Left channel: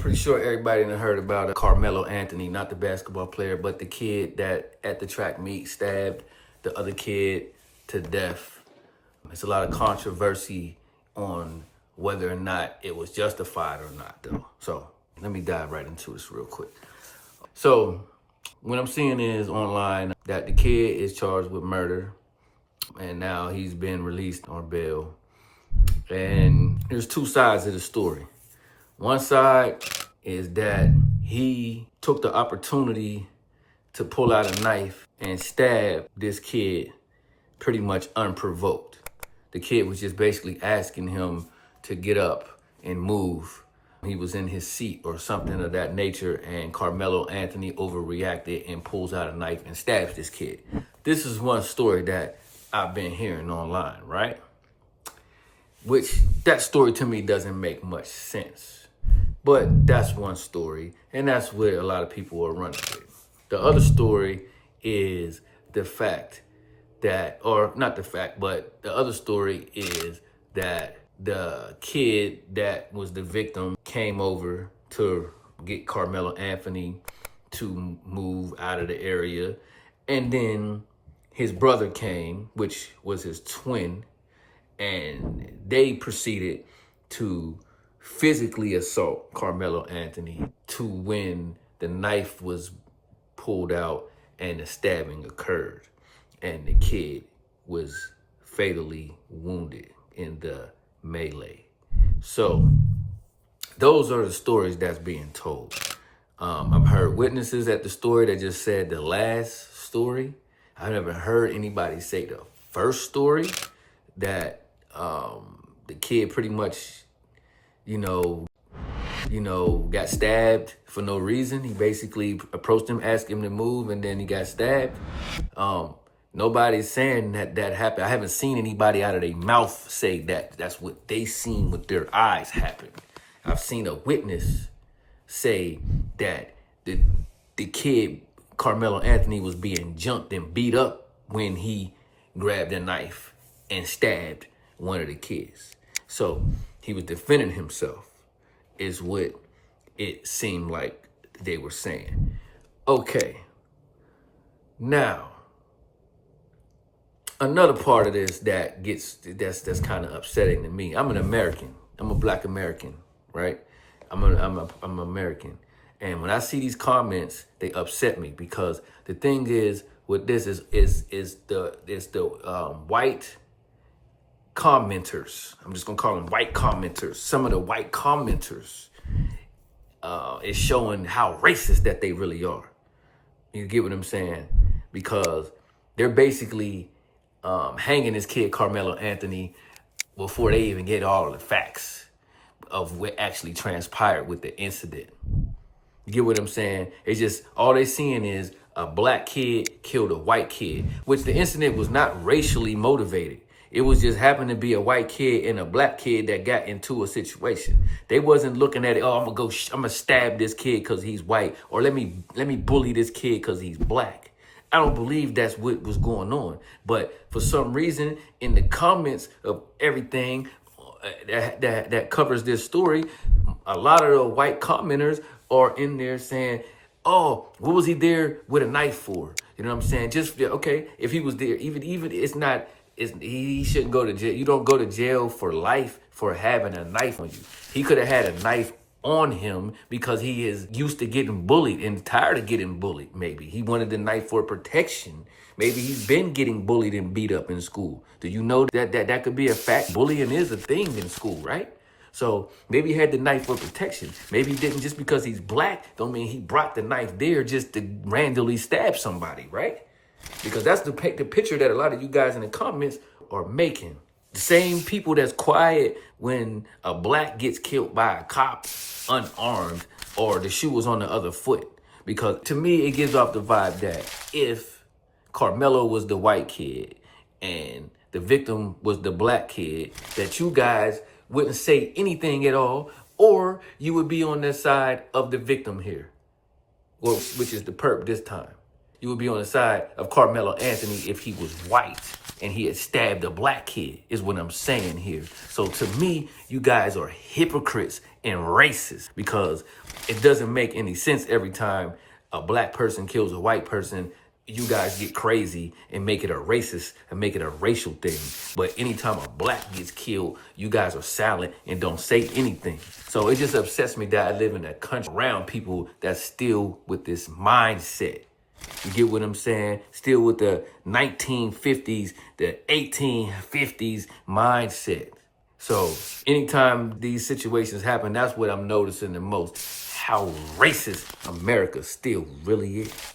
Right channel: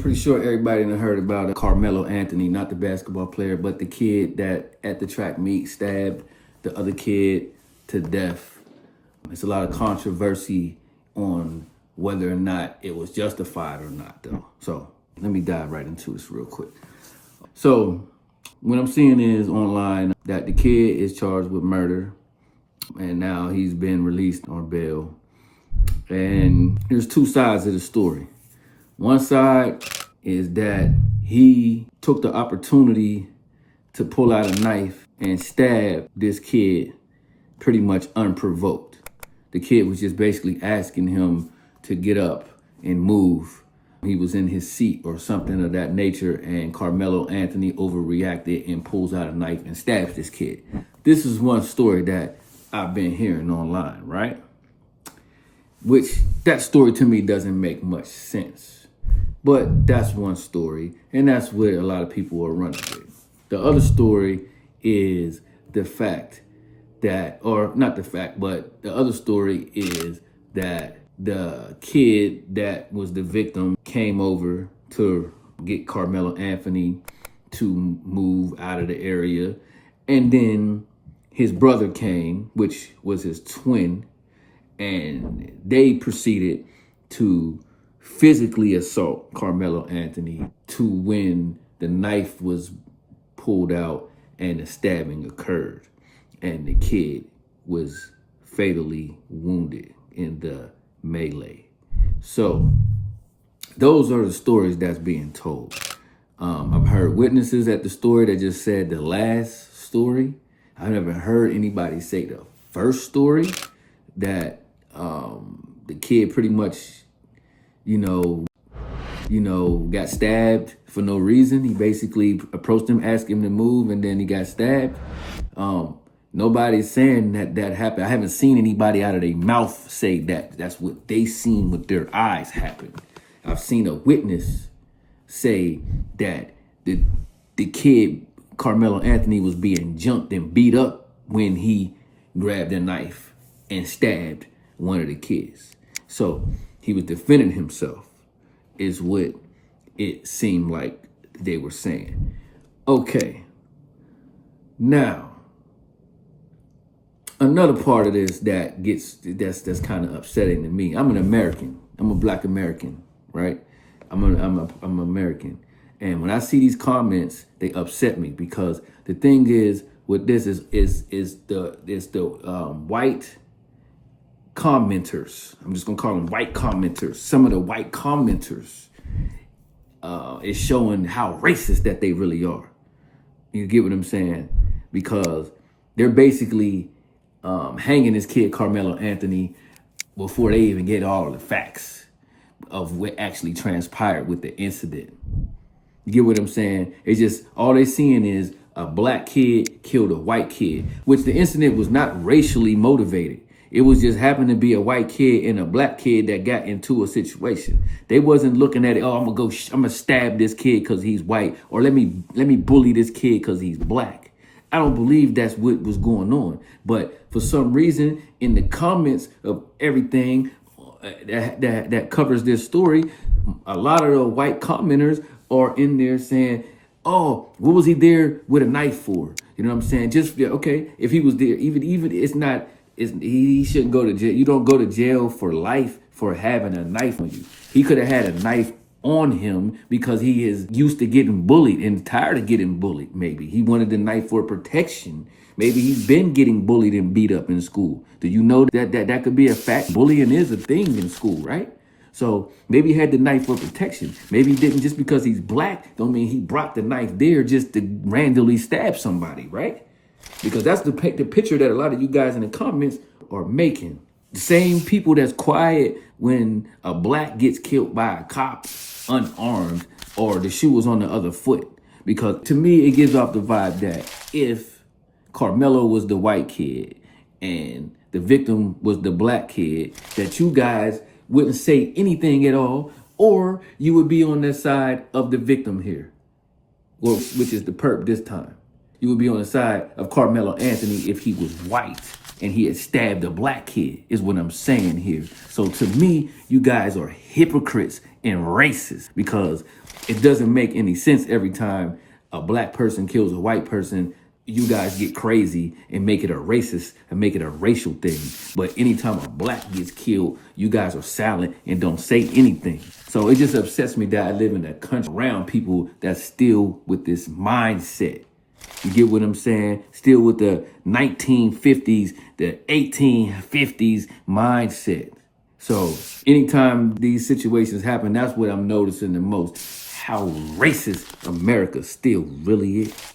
pretty sure everybody done heard about Karmello Anthony, not the basketball player, but the kid that at the track meet stabbed the other kid to death. There's a lot of controversy on whether or not it was justified or not, though. So let me dive right into this real quick. So what I'm seeing is online that the kid is charged with murder, and now he's been released on bail. And there's two sides of the story. One side is that he took the opportunity to pull out a knife and stab this kid pretty much unprovoked. The kid was just basically asking him to get up and move. He was in his seat or something of that nature, and Karmello Anthony overreacted and pulls out a knife and stabs this kid. This is one story that I've been hearing online, right? Which, that story to me doesn't make much sense. But that's one story, and that's what a lot of people are running with. The other story is the fact that, or not the fact, but the other story is that the kid that was the victim came over to get Karmello Anthony to move out of the area. And then his brother came, which was his twin, and they proceeded to physically assault Karmello Anthony to when the knife was pulled out and the stabbing occurred. And the kid was fatally wounded in the melee. So those are the stories that's being told. I've heard witnesses at the story that just said the last story. I never heard anybody say the first story, that the kid pretty much, got stabbed for no reason. He basically approached him, asked him to move, and then he got stabbed. Nobody's saying that happened. I haven't seen anybody out of their mouth say that that's what they seen with their eyes happen. I've seen a witness say that the kid, Karmello Anthony, was being jumped and beat up when he grabbed a knife and stabbed one of the kids. So he was defending himself, is what it seemed like they were saying. Okay. Now, another part of this that's kind of upsetting to me. I'm an American. I'm a Black American, right? I'm American. And when I see these comments, they upset me, because the thing is with this is the white commenters. I'm just gonna call them white commenters. Some of the white commenters is showing how racist that they really are. You get what I'm saying? Because they're basically hanging this kid Karmello Anthony before they even get all of the facts of what actually transpired with the incident. You get what I'm saying? It's just, all they seeing is a black kid killed a white kid, which the incident was not racially motivated. It was just happened to be a white kid and a black kid that got into a situation. They wasn't looking at it, oh, I'm gonna stab this kid because he's white, or let me bully this kid because he's black. I don't believe that's what was going on. But for some reason, in the comments of everything that covers this story, a lot of the white commenters are in there saying, oh, what was he there with a knife for? You know what I'm saying? Just, okay, if he was there, even it's not, he shouldn't go to jail. You don't go to jail for life for having a knife on you. He could have had a knife on him because he is used to getting bullied and tired of getting bullied. Maybe he wanted the knife for protection. Maybe he's been getting bullied and beat up in school. Do you know that could be a fact? Bullying is a thing in school, right? So maybe he had the knife for protection. Maybe he didn't, just because he's black don't mean he brought the knife there just to randomly stab somebody, right? Because that's the picture that a lot of you guys in the comments are making. The same people that's quiet when a black gets killed by a cop unarmed, or the shoe was on the other foot. Because to me, it gives off the vibe that if Karmello was the white kid and the victim was the black kid, that you guys wouldn't say anything at all, or you would be on the side of the victim here, which is the perp this time. You would be on the side of Karmello Anthony if he was white and he had stabbed a black kid, is what I'm saying here. So to me, you guys are hypocrites and racist because it doesn't make any sense every time a black person kills a white person. You guys get crazy and make it a racist and make it a racial thing. But anytime a black gets killed, you guys are silent and don't say anything. So it just upsets me that I live in a country around people that's still with this mindset. You get what I'm saying? Still with the 1950s, the 1850s mindset. So anytime these situations happen, that's what I'm noticing the most. How racist America still really is.